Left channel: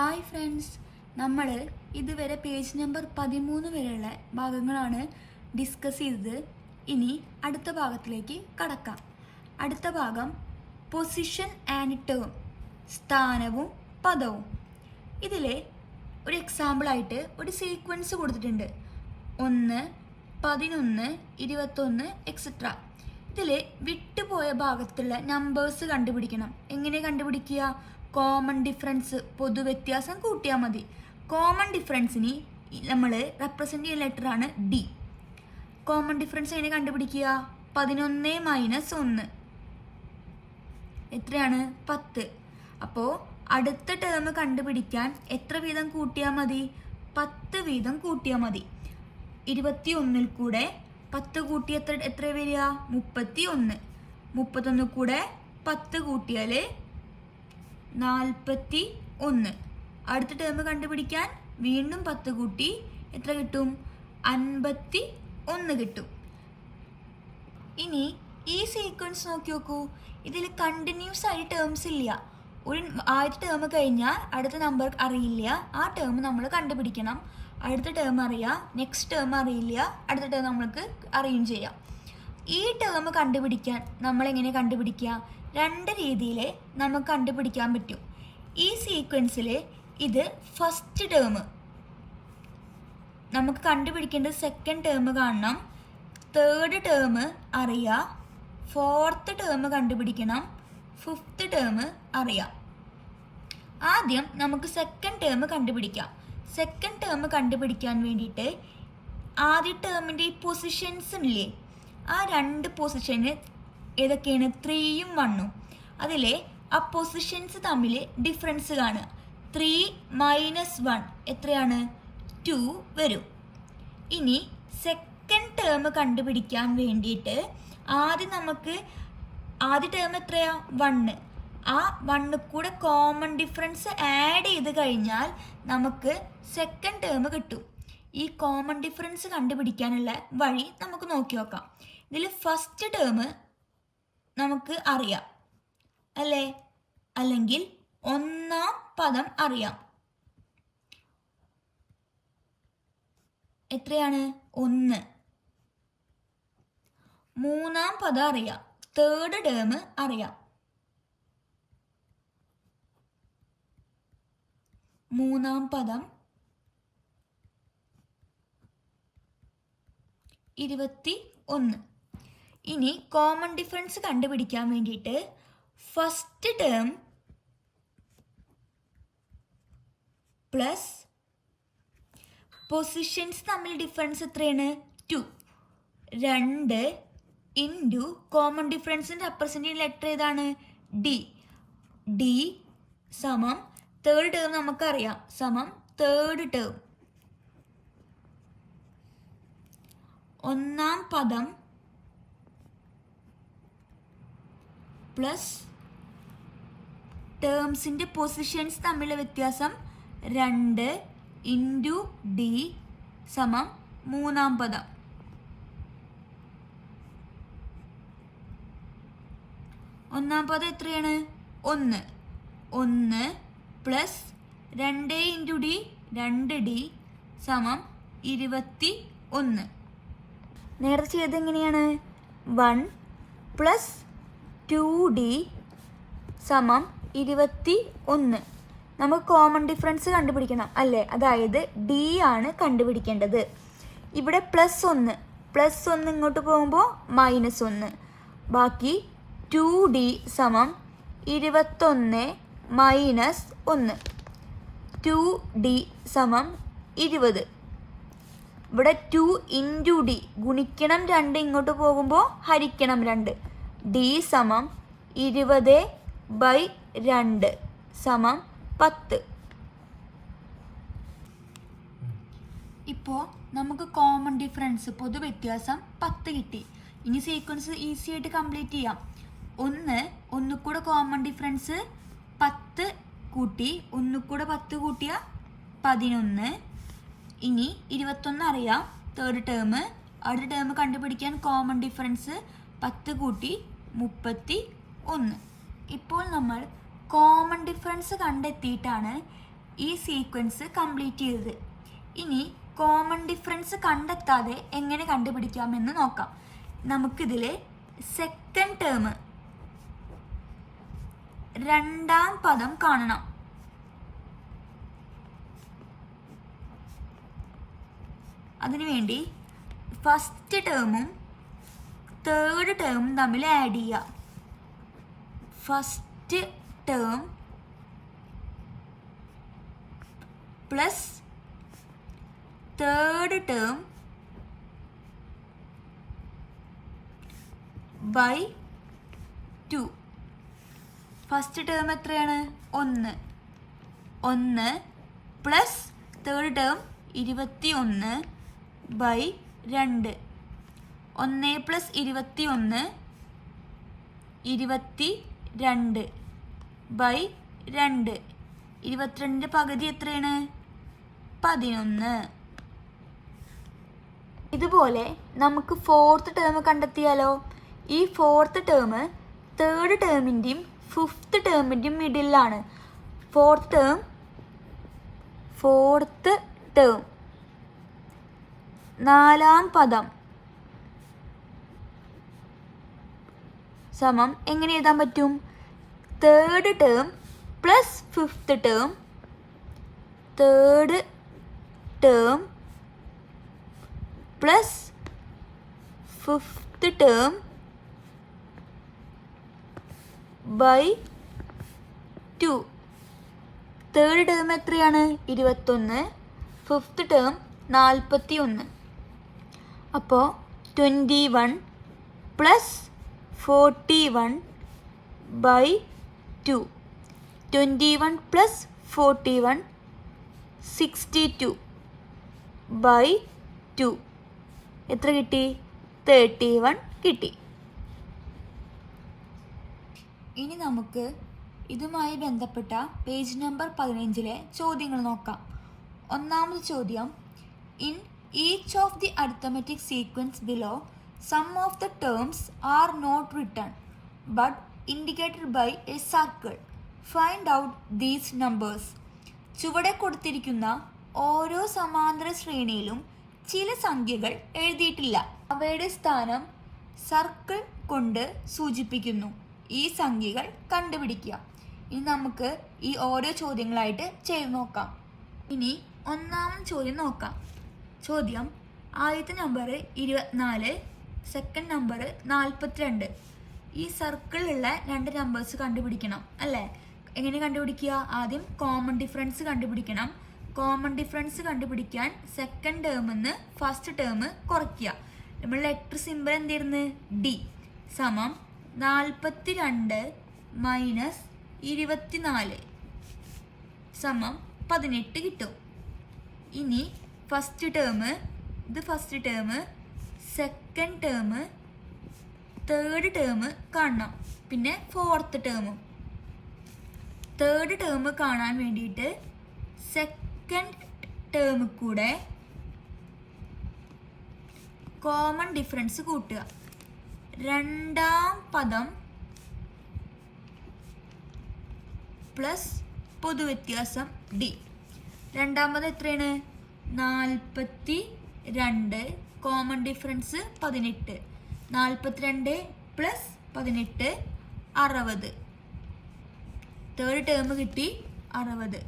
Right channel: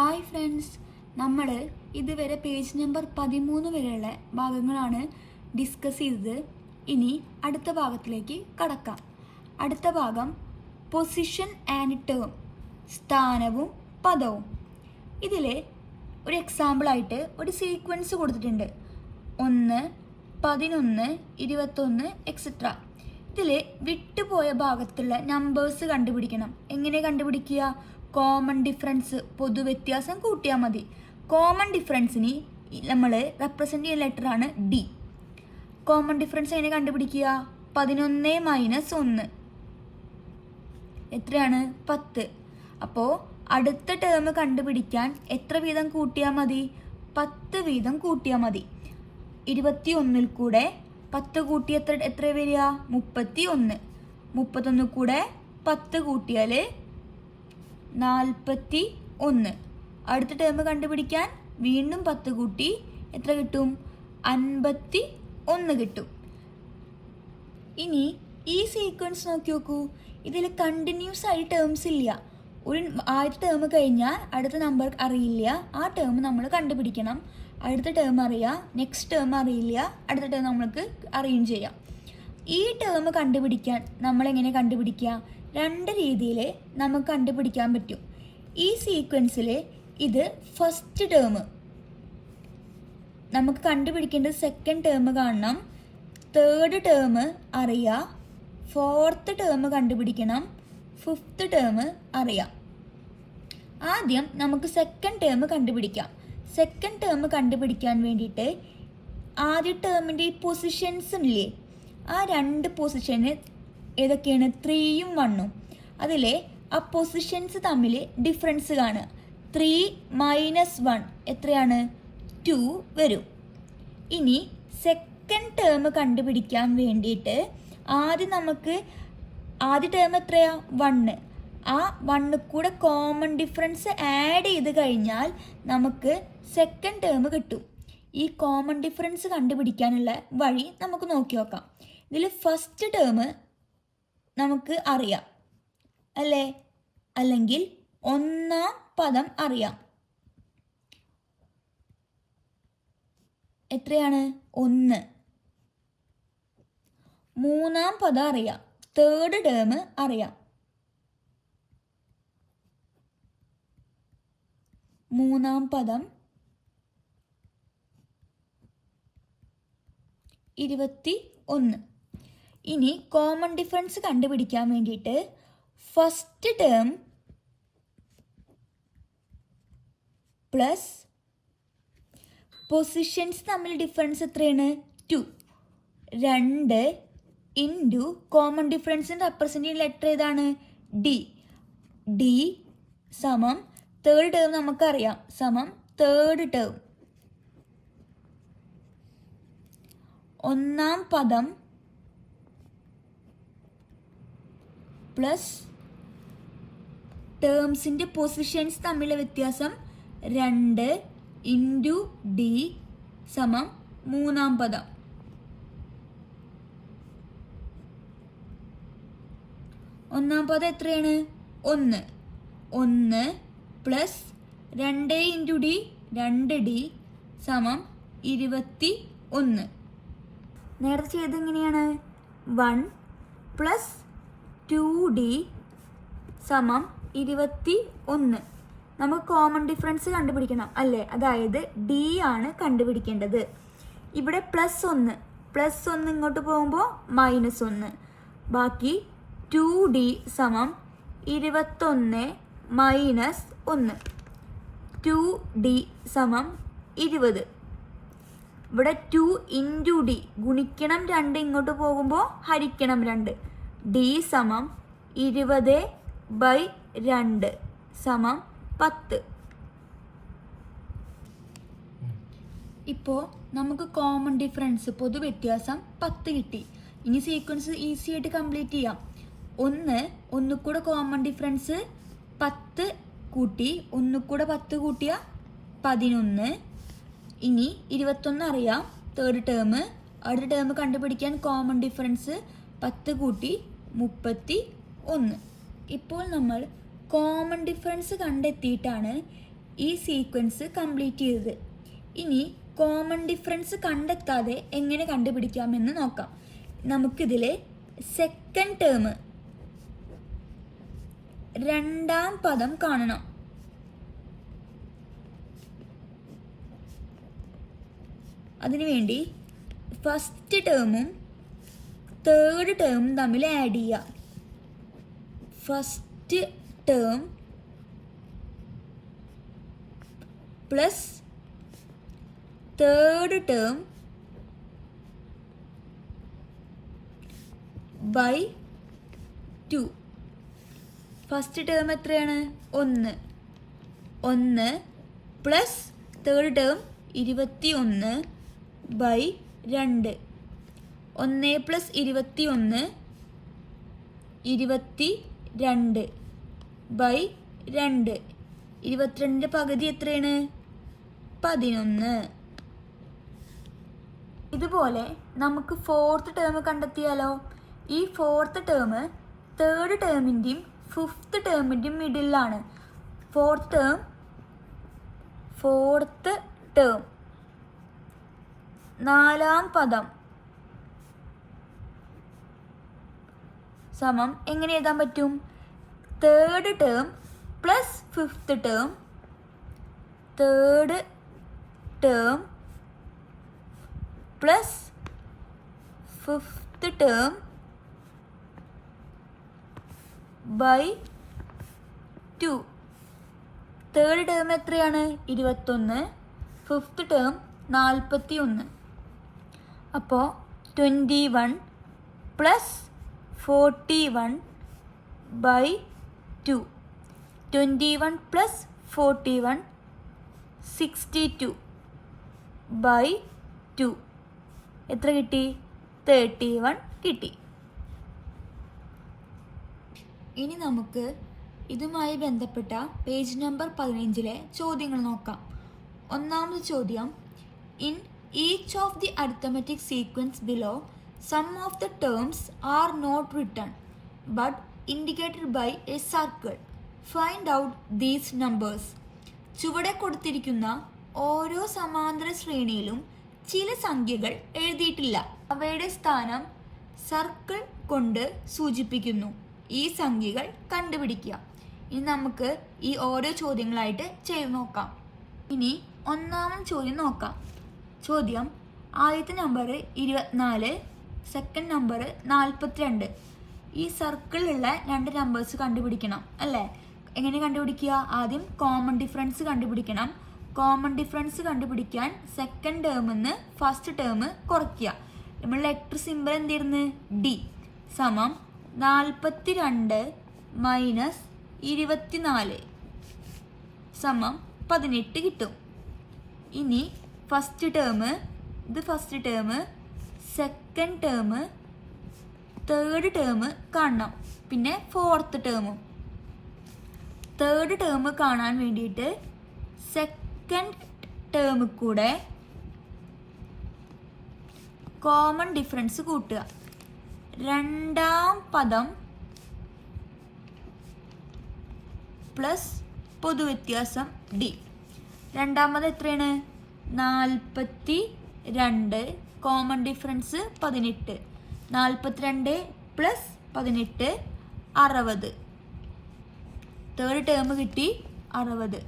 Hi friends, നമ്മൾ ഇതുവരെ page number 13 വരെയുള്ള ഭാഗങ്ങളാണ് ഡിസ്കസ് ചെയ്തത്. ഇനി അടുത്ത ഭാഗത്തിലേക്ക് കടക്കാം. അടുത്ത ഭാഗം പൊസിഷൻ ആൻഡ് ടേം, സ്ഥാനവും പദവും. ഇതിലെ ഒരു എക്സാമ്പിളായിട്ട് ഒരു സീക്വൻസ് കൊടുത്തിട്ടുണ്ട്. 1, 11, 21 എക്സെട്ര. ഇതിൽ വിട്ടുപോയ ഭാഗത്തുള്ള നമ്പേഴ്സ് കണ്ടുപിടിക്കണം. എങ്ങനെ കണ്ടുപിടിക്കുക? കോമൺ ഡിഫറൻസ്, പൊതുവ്യത്യാസം കൂട്ടിയാൽ മതി. കോമൺ ഡിഫറൻസിന് നമ്മൾ റെപ്രസെൻ്റ് ചെയ്യുന്ന ലെറ്ററാണ് ഡി. കോമൺ ഡിഫറൻസ് എങ്ങനെ കണ്ടുപിടിക്കുക? 11 - 1 എത്രയാണ്? 10. അപ്പോൾ അടുത്ത ടേം കണ്ടുപിടിക്കാൻ എത്ര വീതം കൂട്ടിയാൽ മതി? 10 വീതം കൂട്ടിയാൽ മതി. 21 കൂടെ 10 കൂട്ടി എത്ര വരിക? 31. 31 കൂടെ 10 കൂട്ടിയാൽ 41. അടുത്ത ടേം കണ്ടുപിടിക്കാൻ വീണ്ടും 10 കൂട്ടി എത്ര കിട്ടും? 51 കിട്ടും. ഇനി ഈ സീക്വൻസ് നോക്കി നോക്കൂ. ഇതിൽ കണ്ടിന്യൂസ് ആയി ടേംസ് ഇല്ല. ആദ്യത്തെ ടേം കഴിഞ്ഞാൽ അടുത്ത നമ്പർ അറിയില്ല. ആ ടേം നമ്മൾ കണ്ടുപിടിക്കണം. അടുത്ത ടേം അറിയാം, നെക്സ്റ്റ് ടേം അറിയില്ല, അടുത്ത ടേം നമ്മൾക്ക് അറിയുകയും ചെയ്യാം. ഈ ടേം കണ്ടുപിടിക്കാൻ നമ്മളെങ്ങനെ കണ്ടുപിടിക്കുക? 2 രീതിയിൽ നമുക്ക് കണ്ടുപിടിക്കാൻ പറ്റും. ഈ സീക്വൻസിൽ ഇത് ഫസ്റ്റ് ടേം നമുക്ക് കണ്ടുപിടിക്കേണ്ടത്. സെക്കൻഡ് ടേം കാണണം, തേർഡ് ടേം അറിയാം, ഫോർത്ത് ടേം കണ്ടുപിടിക്കണം, ഫിഫ്ത്ത് ടേം അറിയാം. ആദ്യം നമുക്ക് സെക്കൻഡ് ടേം കണ്ടുപിടിക്കാം. സെക്കൻഡ് ടേം കണ്ടുപിടിക്കാൻ വേണ്ടിയിട്ട് ആദ്യ ടേമിൻ്റെ ഈ പൊസിഷൻസ് ഇല്ലേ, ആ 2 പൊസിഷന് ഏതൊക്കെയാണ്? 3ഉം 1ഉം. അതിലെ ആ പൊസിഷൻസ് തമ്മിൽ ഡിഫറൻസ് കാണുക. 3 - 1 എത്രയാണ്? 2 വരും. ഇനി സെക്കൻഡ് ടേം കണ്ടുപിടിക്കാൻ വേണ്ടിയിട്ട് ആദ്യ ടേം എത്രയാ? 1. ആ 1 കൂടെ കോമൺ ഡിഫറൻസ് ആഡ് ചെയ്ത് കഴിഞ്ഞാൽ നമുക്ക് സെക്കൻഡ് ടേം കിട്ടും. ഈ കോമൺ ഡിഫറൻസ് കണ്ടുപിടിക്കാനുള്ള വഴി നമുക്ക് നോക്കി നോക്കാം. ഇതിൽ ഫസ്റ്റ് ടേം നമുക്ക് അറിയാം അല്ലേ? അല്ലെങ്കിൽ ഒന്നാം പദം അറിയാം. എത്രയാണ്? 1. മൂന്നാം പദം അറിയാം, തേർഡ് ടേം അറിയാം. മൂന്നാം പദം 21. ഇനി കോമൺ ഡിഫറൻസ് കണ്ടുപിടിക്കാൻ വേണ്ടിയിട്ട് ഫസ്റ്റ് ടേം പ്ലസ് പൊസിഷൻസ് തമ്മിൽ ഡിഫറൻസ് എത്രയാണ്? 2. 2 ഇൻറ്റു കോമൺ ഡിഫറൻസിൻ്റെ റെപ്രസെൻ്റ് ചെയ്യുന്ന ലെറ്റർ ഏതാണ്? ഡി. ഡി സമം തേർഡ് ടേം നമുക്കറിയാം, സമം തേർഡ് ടേം. ഒന്നാം പദം പ്ലസ് ടേംസിൻ്റെ പൊസിഷൻസ് തമ്മിലുള്ള വ്യത്യാസം 2 ഇൻറ്റു ഡി സമം മൂന്നാം പദം. ഒന്നാം പദം എത്രയാണ്? 1. 1 പ്ലസ് 2 ഇൻറ്റു ഡി 2d സമം 21. നേരത്തെ ചെയ്തത് എങ്ങനെയാണ്? 1 പ്ലസ് 2d സമം 21. നമുക്ക് കോമൺ ഡിഫറൻസ് കണ്ടുപിടിക്കണം അല്ലേ? അതായത് ഡി ആണ് കണ്ടുപിടിക്കേണ്ടത്. ഇവിടെ +1 ഇങ്ങോട്ട് പോകുമ്പോൾ -1. ബാക്കി 2d സമം 21 - 1. 2d സമം 20. ഇവിടെ 2 ഇൻറ്റു ഡി ഗുണിക്കണം 2 ഇങ്ങോട്ട് പോകുമ്പോൾ ഹരിക്കണം 2. ഡി സമം 20/2 സമം 10. ഇപ്പോൾ നമുക്ക് കോമൺ ഡിഫറൻസ് പൊതുവ്യത്യാസം 10 കിട്ടി. ഇനി സീക്വൻസ് ഈസി ആയിട്ട് കംപ്ലീറ്റ് ചെയ്യാം. 1 കൂടെ കോമൺ ഡിഫറൻസ് 10 കൂട്ടി 1 കൂടെ 10 കൂട്ടിയ 11. ഇനി 21 അറിയാം, തേർഡ് ടേം. അടുത്ത ടേം കണ്ടുപിടിക്കാൻ കോമൺ ഡിഫറൻസ് 10 കൂട്ടി 31. ഇപ്പോൾ നമ്മൾ കോമൺ ഡിഫറൻസ് കണ്ടെത്തിയിട്ടാണ് ഈ സീക്വൻസ് കംപ്ലീറ്റ് ചെയ്തത്. ഇനി കോമൺ ഡിഫറൻസ് കണ്ടെത്താതെ എങ്ങനെ കണ്ടുപിടിക്കാമെന്ന് നോക്കാം. നമുക്കിതിൽ സെക്കൻഡ് ടേം രണ്ടാം പദം കാണണം. അതിനുവേണ്ടി ഫസ്റ്റ് ടേമും തേർഡ് ടേമും തമ്മിൽ ആഡ് ചെയ്യുക. First term plus third term by 2. First term എത്രയാണ്? 1. 1 plus third term 21 by 2. 1 plus 21 22 by 2. 22ൻ്റെ പകുതി എത്രയാണ്? 11. ഇതുപോലെ നമുക്ക് ഫോർത്ത് ടേം കണ്ടെത്തിയാലോ? ഈ ഫോർത്ത് ടേം തേർഡ് ടേമിൻ്റെയും ഫിഫ്ത്ത് ടേമിൻ്റെയും മിഡിലാണ്. ഫോർത്ത് ടേം നാലാം പദം സമം എങ്ങനെ എഴുതാൻ പറ്റും? Third term plus fifth term, third term plus fifth term by 2. Third term എത്രയാണ്? 21. Fifth term 41. അപ്പോൾ 21 പ്ലസ് 41 ബൈ 2. 21 plus 41 62 by 2. എത്ര കിട്ടി? 31 കിട്ടി. ഇനി നമുക്ക് ഇതുമായി ബന്ധപ്പെട്ട പേജ് നമ്പർ 15 ചോദ്യങ്ങൾ നോക്കാം. ഒന്നാമത്തെ ചോദ്യം, in each of the arithmetic sequence below some of the terms are not written but indicated by a circle. Find out these numbers. ചുവടെ കൊടുത്തിരിക്കുന്ന ഓരോ സമാന്തര ശ്രേണിയിലും ചില സംഖ്യകൾ എഴുതിയിട്ടില്ല. അവയുടെ സ്ഥാനം സർക്കിൾ കൊണ്ട് സൂചിപ്പിക്കുന്നു. ഈ സംഖ്യകൾ കണ്ടുപിടിക്കുക. ഇനി നമുക്ക് ഈ ഓരോ ചോദ്യങ്ങളായിട്ട് ചെയ്തു നോക്കാം. ഇനി ഒന്നാമത്തെ ചോദ്യം നോക്കാം. ചോദ്യം, ആദ്യത്തെ നമ്പർ 24, സെക്കൻഡ് നമ്പർ 42. ഈ സർക്കിളിലുള്ള രണ്ട് നമ്പേഴ്സ് കണ്ടുപിടിക്കണം അല്ലേ? എങ്ങനെ കണ്ടുപിടിക്കുക? ആദ്യം കോമൺ ഡിഫറൻസ് കണ്ടുപിടിക്കണം. കോമൺ ഡിഫറൻസ് കണ്ടുപിടിക്കാൻ സെക്കൻഡ് ടേമിൽ നിന്ന് ഫസ്റ്റ് ടേം കുറയ്ക്കുക. നമ്മൾ ലെറ്റർ സിമ്പിൾ എന്തായിരുന്നു? ഡി സമം 42 മൈനസ് 24 സമം 18 കിട്ടും. ഇനി ഫസ്റ്റ് ടേം, ഇത് first term, second term, third term കാണണം. പിന്നെ ഫോർത്ത് ടേമും. തേർഡ് ടേം കാണാൻ വേണ്ടിയിട്ട് സെക്കൻഡ് ടേമിൽ കൂടെ കോമൺ ഡിഫറൻസ് കൂട്ടുക. രണ്ടാം പദം പ്ലസ് പൊതുവ്യത്യാസം ഡി. രണ്ടാമത് എത്രയാണ്? 42, common difference 18. 42 plus 18 60. Third term കിട്ടി 60.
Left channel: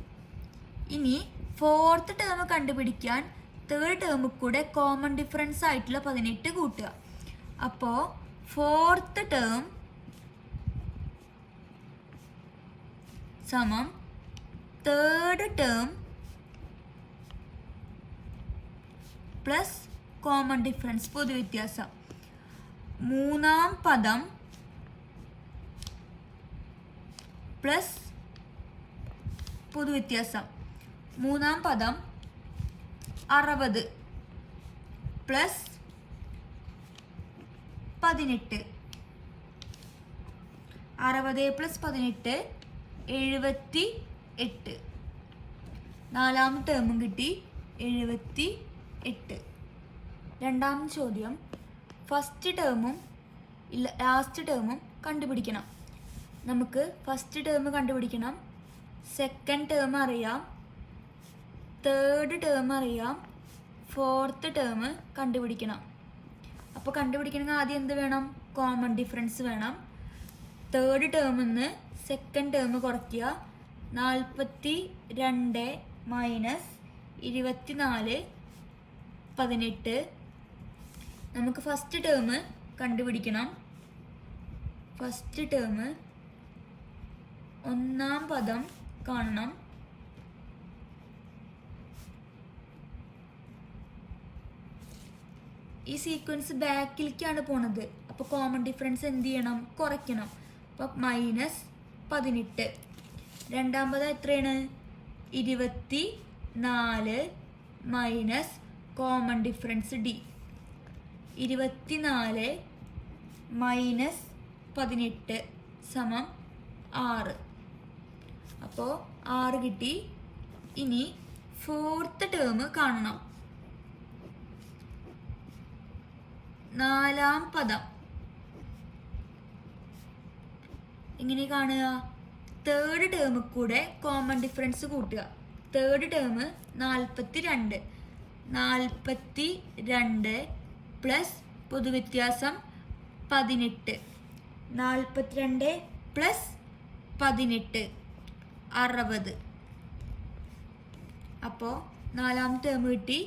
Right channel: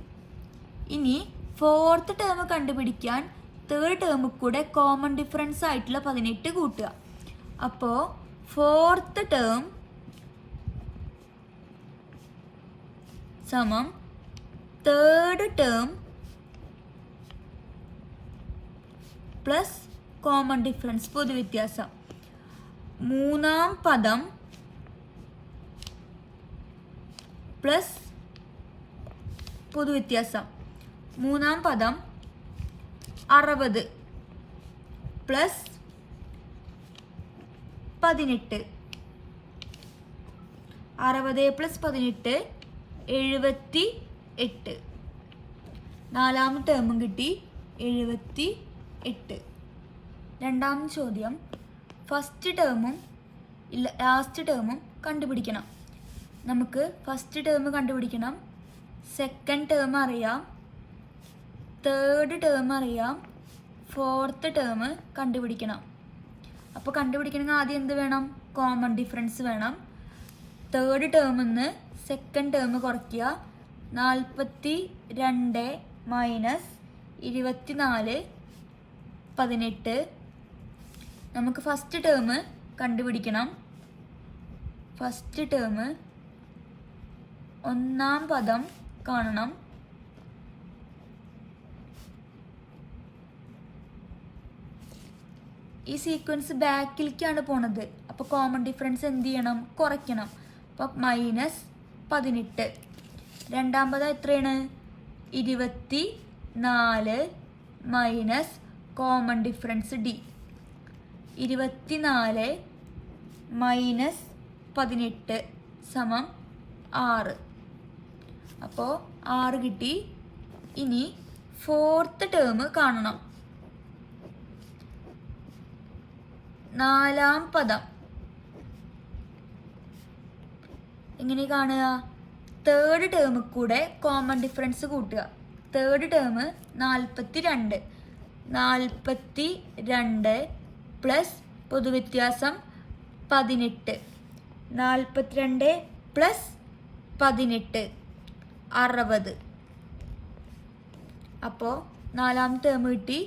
ഇനി ഫോർത്ത് ടേം കണ്ടുപിടിക്കാൻ തേർഡ് ടേമിൽ കൂടെ കോമൺ ഡിഫറൻസ് ആയിട്ടുള്ള 18 കൂട്ടുക. അപ്പോൾ ഫോർത്ത് ടേം സമം third term plus common difference പൊതുവ്യത്യാസം. മൂന്നാം പദം പ്ലസ് പൊതുവ്യത്യാസം. മൂന്നാം പദം 60 പ്ലസ് 18. 60 പ്ലസ് 18 78. നാലാമത്തെ ടേമും കിട്ടി 78. രണ്ടാമത്തെ ചോദ്യം, ഫസ്റ്റ് ടേമും ലാസ്റ്റ് ടേമും കണ്ടുപിടിക്കണം. നമുക്ക് ഫസ്റ്റ് ടേം കണ്ടുപിടിക്കണം. സെക്കൻഡ് ടേം അറിയാം, തേർഡ് ടേം അറിയാം, ഫോർത്ത് ടേം കണ്ടുപിടിക്കണം. അപ്പോൾ കണ്ടുപിടിക്കണമെങ്കിൽ ആദ്യം എന്ത് വേണം? കോമൺ ഡിഫറൻസ് വേണം. തേർഡ് ടേമിൽ നിന്ന് സെക്കൻഡ് ടേം കുറയ്ക്കുക. 42 മൈനസ് 24 18. നമുക്ക് ഫസ്റ്റ് ടേം കണ്ടുപിടിക്കണം. ഫസ്റ്റ് ടേം ഒന്നാം പദം കാണണം. ഈ സീക്വൻസ് ബാക്കിലേക്കാണ് പോണത്. അപ്പോൾ കോമൺ ഡിഫറൻസ് എന്ത് ചെയ്യണം? കുറയ്ക്കണം. അപ്പോൾ -18. രണ്ടാം പദം എത്രയാണ്? 24 minus common difference D. 24 minus 18 സമം 6. അപ്പോൾ 6 കിട്ടി. ഇനി ഫോർത്ത് ടേം കാണണം. നാലാം പദം എങ്ങനെ കാണുക? തേർഡ് ടേമിൽ കൂടെ കോമൺ ഡിഫറൻസ് കൂട്ടുക. Third term 42. 42 പ്ലസ് പൊതുവ്യത്യാസം 18. 42 പ്ലസ് 18 60. അപ്പോൾ നാലാം ടേം കിട്ടി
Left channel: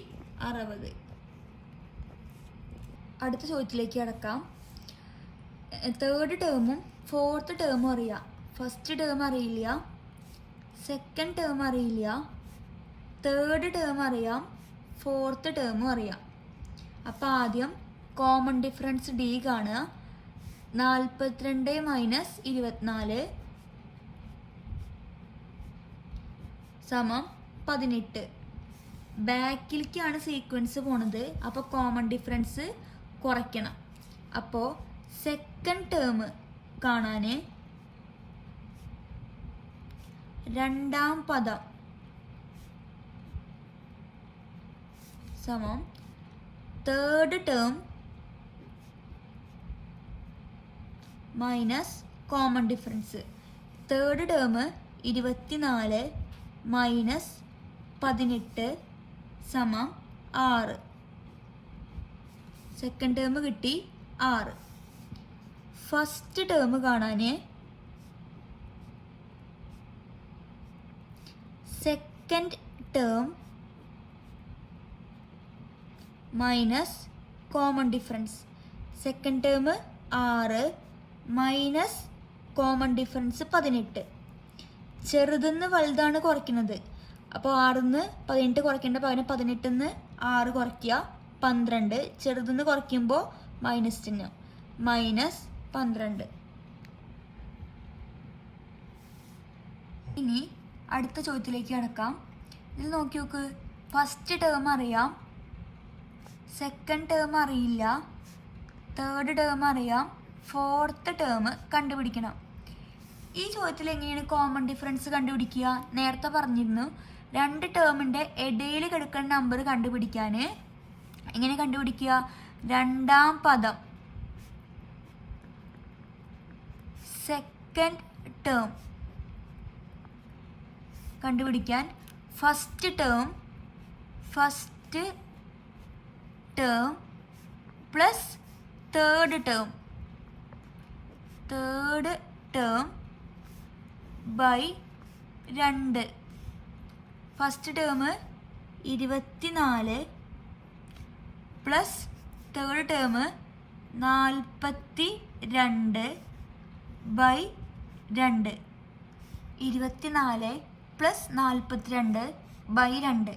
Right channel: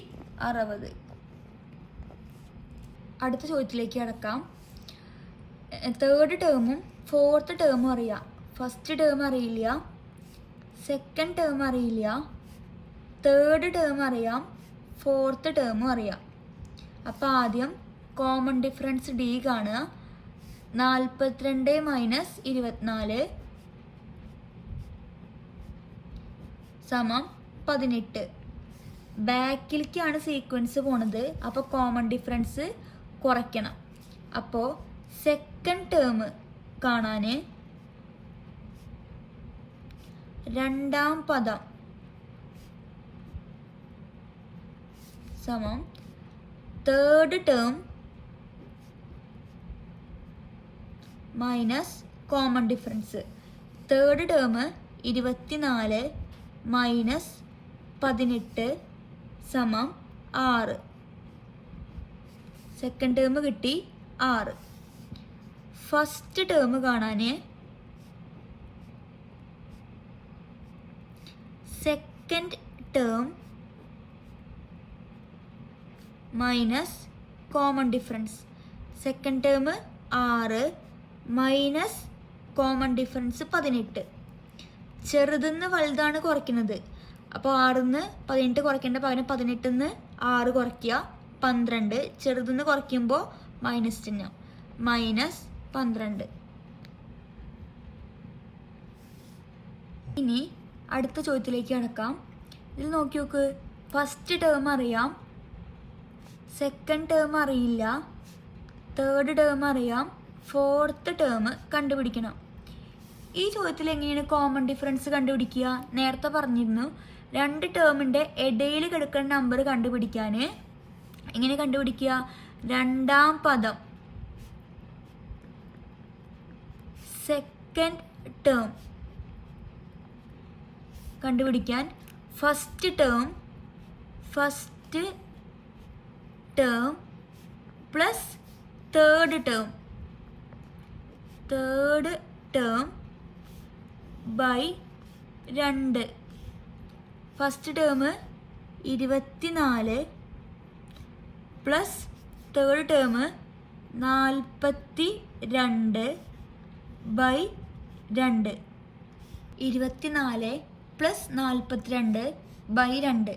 60. അടുത്ത ചോദ്യത്തിലേക്ക് കിടക്കാം. തേർഡ് ടേമും ഫോർത്ത് ടേമും അറിയാം. ഫസ്റ്റ് ടേം അറിയില്ല, സെക്കൻഡ് ടേം അറിയില്ല, തേർഡ് ടേം അറിയാം, ഫോർത്ത് ടേമും അറിയാം. അപ്പോൾ ആദ്യം കോമൺ ഡിഫറൻസ് ഡി കാണുക. 42 മൈനസ് 24 സമം 18. ബാക്കിലേക്കാണ് സീക്വൻസ് പോണത്. അപ്പോൾ കോമൺ ഡിഫറൻസ് കുറയ്ക്കണം. അപ്പോൾ സെക്കൻഡ് ടേം കാണാൻ രണ്ടാം പദം സമം third term minus common difference. Third term 24 minus 18 സമം 6. സെക്കൻഡ് ടേം കിട്ടി 6. ഫസ്റ്റ് ടേം കാണാൻ second term minus common difference. Second term 6 minus common difference 18. ചെറുതെന്ന് വലുതാണ് കുറയ്ക്കുന്നത്. അപ്പോൾ 6-ന്ന് 18 കുറയ്ക്കേണ്ട പകരം 18-ന്ന് 6 കുറയ്ക്കുക 12. ചെറുതെന്ന് കുറയ്ക്കുമ്പോൾ മൈനസ് ചിഹ്നം -12. ഇനി അടുത്ത ചോദ്യത്തിലേക്ക് കിടക്കാം. ഇതിൽ നോക്കി നോക്ക്. ഫസ്റ്റ് ടേം അറിയാം, സെക്കൻഡ് ടേം അറിയില്ല, തേർഡ് ടേം അറിയാം, ഫോർത്ത് ടേം കണ്ടുപിടിക്കണം. ഈ ചോദ്യത്തിൽ എങ്ങനെയാണ് കോമൺ ഡിഫറൻസ് കണ്ടുപിടിക്കുക? നേരത്തെ പറഞ്ഞിരുന്നു, രണ്ട് ടേമിൻ്റെ ഇടയിൽ കിടക്കുന്ന നമ്പർ കണ്ടുപിടിക്കാൻ എങ്ങനെ കണ്ടുപിടിക്കുക? രണ്ടാം പദം സെക്കൻഡ് ടേം കണ്ടുപിടിക്കാൻ first term plus third term by 2. First term 24 plus third term 42 by 2. 24 plus 42 by 2.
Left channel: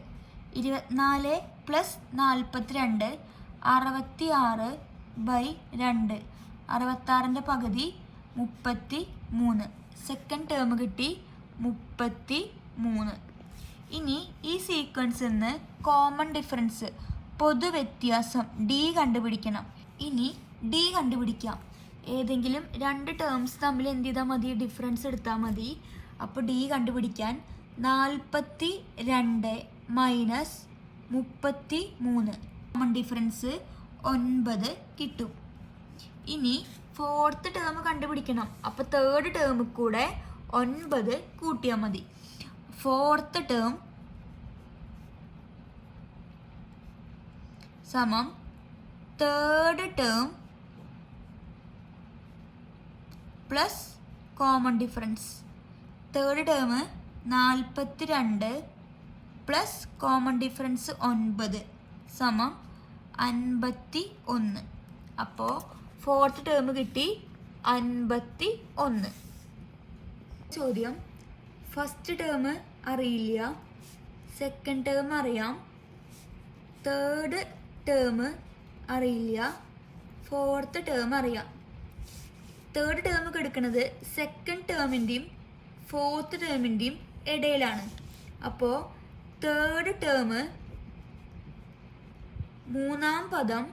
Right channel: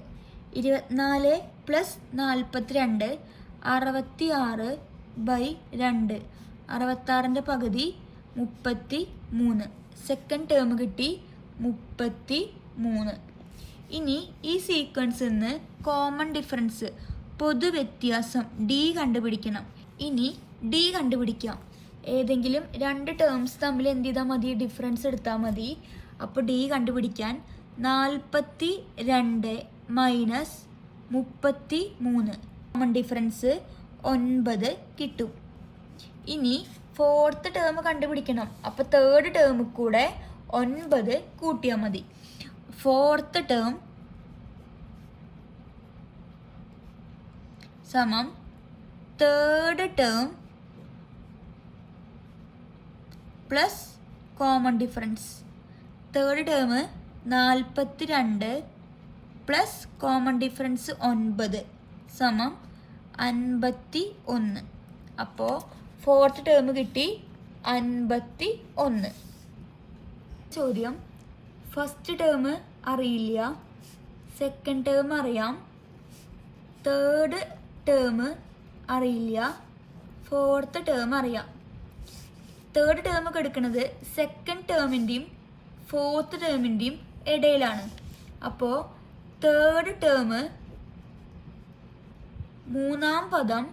24 plus 42 66 by 2. 66-ൻ്റെ പകുതി 33. സെക്കൻഡ് ടേം കിട്ടി 33. ഇനി ഈ സീക്വൻസിൽ നിന്ന് കോമൺ ഡിഫറൻസ് പൊതുവ്യത്യാസം ഡി കണ്ടുപിടിക്കണം. ഇനി ഡി കണ്ടുപിടിക്കാം. ഏതെങ്കിലും രണ്ട് ടേംസ് തമ്മിൽ എന്ത് ചെയ്താൽ മതി? ഡിഫറൻസ് എടുത്താൽ മതി. അപ്പോൾ ഡി കണ്ടുപിടിക്കാൻ 42 മൈനസ് 33 കോമൺ ഡിഫറൻസ് 9 കിട്ടും. ഇനി ഫോർത്ത് ടേം കണ്ടുപിടിക്കണം. അപ്പോൾ തേർഡ് ടേമിൽ കൂടെ 9 കൂട്ടിയാൽ മതി. ഫോർത്ത് ടേം സമം third term plus common difference. Third term 42 plus common difference 9 സമം 51. അപ്പോൾ ഫോർത്ത് ടേം കിട്ടി 51. ചോദ്യം, ഫസ്റ്റ് ടേം അറിയില്ല, സെക്കൻഡ് ടേം അറിയാം, തേർഡ് ടേം അറിയില്ല, ഫോർത്ത് ടേം അറിയാം. തേർഡ് ടേം കിടക്കുന്നത് സെക്കൻഡ് ടേമിൻ്റെയും ഫോർത്ത് ടേമിൻ്റെയും ഇടയിലാണ്. അപ്പോൾ തേർഡ് ടേം മൂന്നാം പദം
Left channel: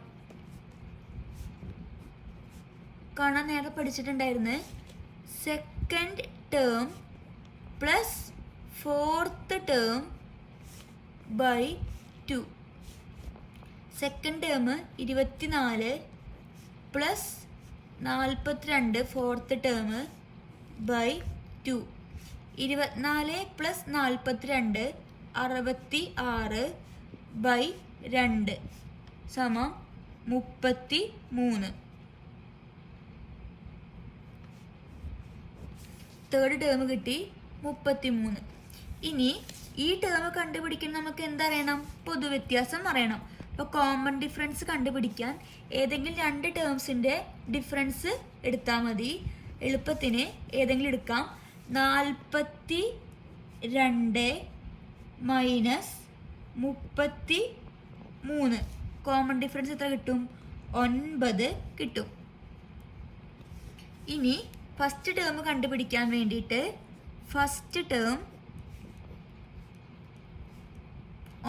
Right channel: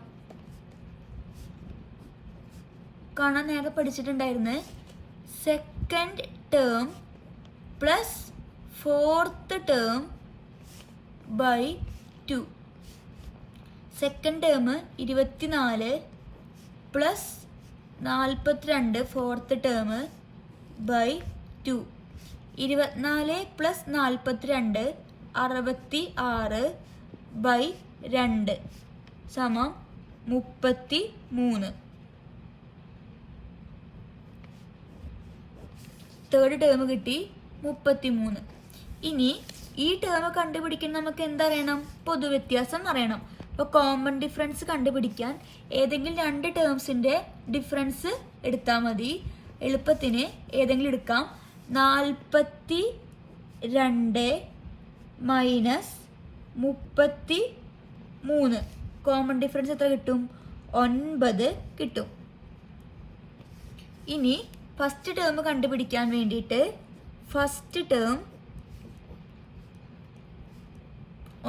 കാണാൻ നേരെ പഠിച്ചിട്ടുണ്ടായിരുന്നു. Second term plus fourth term by 2. Second term 24 plus 42 fourth term by 2. 24 plus 42 66 by 2 സമം 33. തേർഡ് ടേം കിട്ടി 33. ഇനി ഈ ടേം കണ്ടുപിടിക്കാൻ നമുക്ക് എന്തറിയണം? പൊതുവ്യത്യാസം അറിയണം. അപ്പോൾ കോമൺ ഡിഫറൻസ് കണ്ടുപിടിക്കാൻ ഏതെങ്കിലും രണ്ട് ടേംസിൻ്റെ ഡിഫറൻസ് എടുത്താൽ മതി. എളുപ്പത്തിന് ഏതെങ്കിലും എടുക്കാം. 42 മൈനസ് 33 കോമൺ ഡിഫറൻസ് എത്ര കിട്ടും? 9 കിട്ടും. ഇനി ഫസ്റ്റ് ടേം കണ്ടുപിടിക്കാൻ വേണ്ടിയിട്ട് ഫസ്റ്റ് ടേം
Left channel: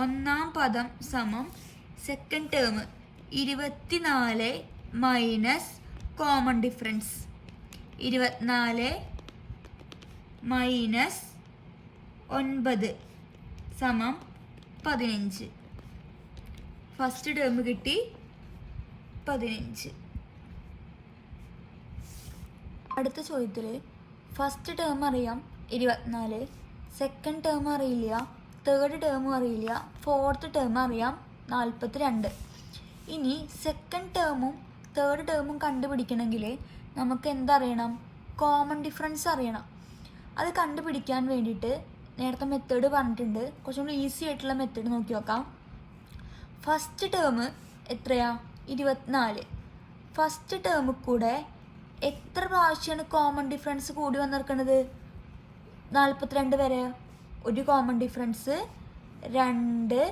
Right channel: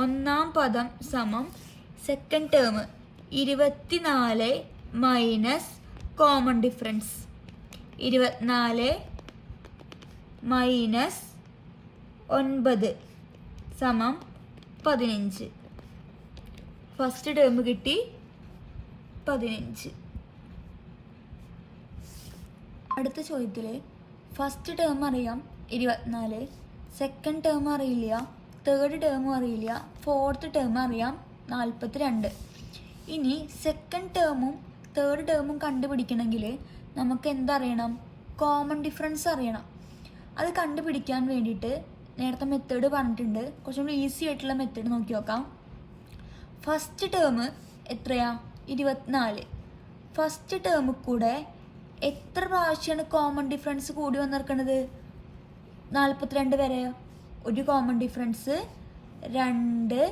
ഒന്നാം പദം സമം second term 24 minus common difference 24 minus 9 സമം 15. ഫസ്റ്റ് ടേം കിട്ടി 15. അടുത്ത ചോദ്യത്തിൽ ഫസ്റ്റ് ടേം അറിയാം 24, സെക്കൻഡ് ടേം അറിയില്ല, തേർഡ് ടേം അറിയില്ല, ഫോർത്ത് ടേം അറിയാം 42. ഇനി സെക്കൻഡ് ടേമും തേർഡ് ടേമും കണ്ടുപിടിക്കണമെങ്കിൽ നമുക്ക് എന്തറിയണം? കോമൺ ഡിഫറൻസ് അറിയണം. അത് കണ്ടുപിടിക്കാൻ വേണ്ടിയിട്ട് നേരത്തെ മെത്തേഡ് പറഞ്ഞിട്ടുണ്ട്. കുറച്ചും കൂടി ഈസി ആയിട്ടുള്ള മെത്തേഡ് നോക്കി നോക്കാം. ഫസ്റ്റ് ടേം എത്രയാ? 24. ഫസ്റ്റ് ടേം കൂടെ എത്ര പ്രാവശ്യമാണ് കോമൺ ഡിഫറൻസ് കൂടി വന്നിരിക്കുന്നത്? 42 വരെ. ഒരു കോമൺ ഡിഫറൻസ് 2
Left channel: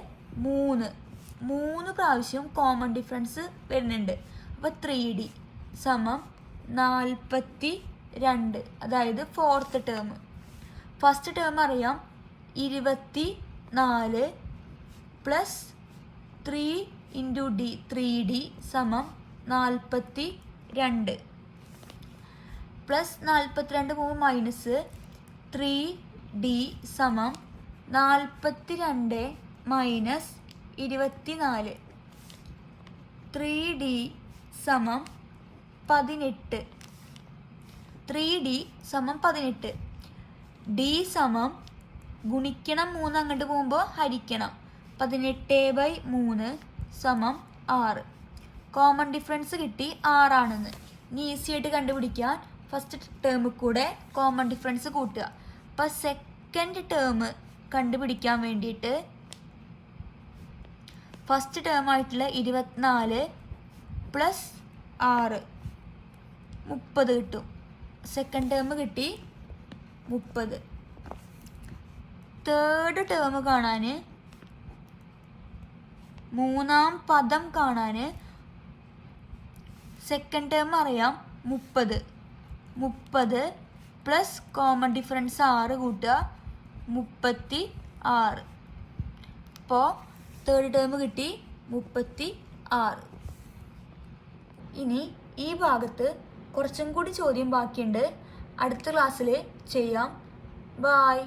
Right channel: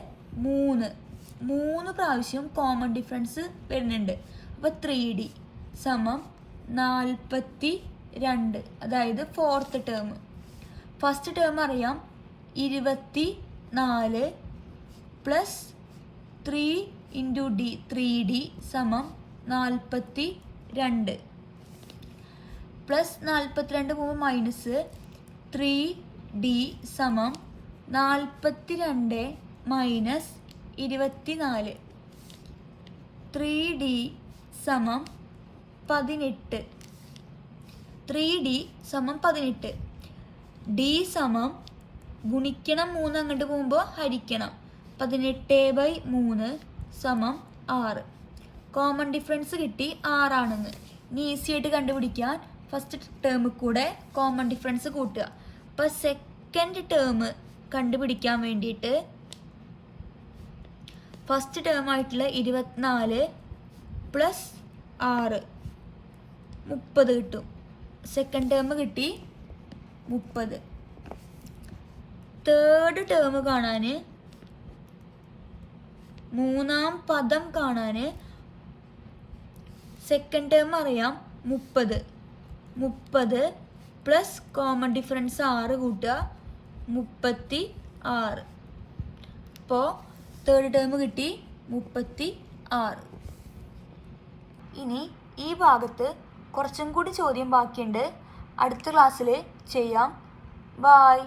3 പ്രാവശ്യം കോമൺ ഡിഫറൻസ് വരുന്നുണ്ട്. അപ്പോൾ 3D സമം 42. അതായത് ഫോർത്ത് ടേം. ഫസ്റ്റ് ടേം അറിയാം 24 പ്ലസ് 3 ഇൻറ്റു D 3D സമം 42 പ്ലസ് 42 പോകുമ്പോൾ മൈനസ് 3D സമം 42 മൈനസ് 24. 3D സമം 18. 3D സമം 18. D സമം ഗുണിക്കണം 3 അങ്ങോട്ട് പോകുമ്പോൾ ഹരിക്കണം 18/3 സമം 6. കോമൺ ഡിഫറൻസ് കിട്ടി 6 ആണെന്ന്. ഇനി ഈസി ആയിട്ട് കണ്ടുപിടിക്കാൻ ഫസ്റ്റ് ടേമിൽ കൂടെ കോമൺ ഡിഫറൻസ് കൂട്ടുക. അപ്പോൾ സെക്കൻഡ് ടേം കണ്ടുപിടിക്കാൻ വേണ്ടിയിട്ട് ഫസ്റ്റ് ടേം ആയിട്ടുള്ള 24 പ്ലസ് 6 30 കിട്ടും. സെക്കൻഡ് ടേം കിട്ടി 30. തേർഡ് ടേം കാണാൻ മൂന്നാം പദം കാണാൻ സെക്കൻഡ് ടേം അറിയാം 30 പ്ലസ് കോമൺ ഡിഫറൻസ് 6 കൂട്ടുക 36. അപ്പോൾ തേർഡ് ടേം കിട്ടി 36. ഇനി ഈ ഭാഗത്ത് കുറച്ചും കൂടി ചോദ്യം ബാക്കിയുണ്ട്. അടുത്ത ക്ലാസ്സിൽ ചെയ്യാം. ബായ്.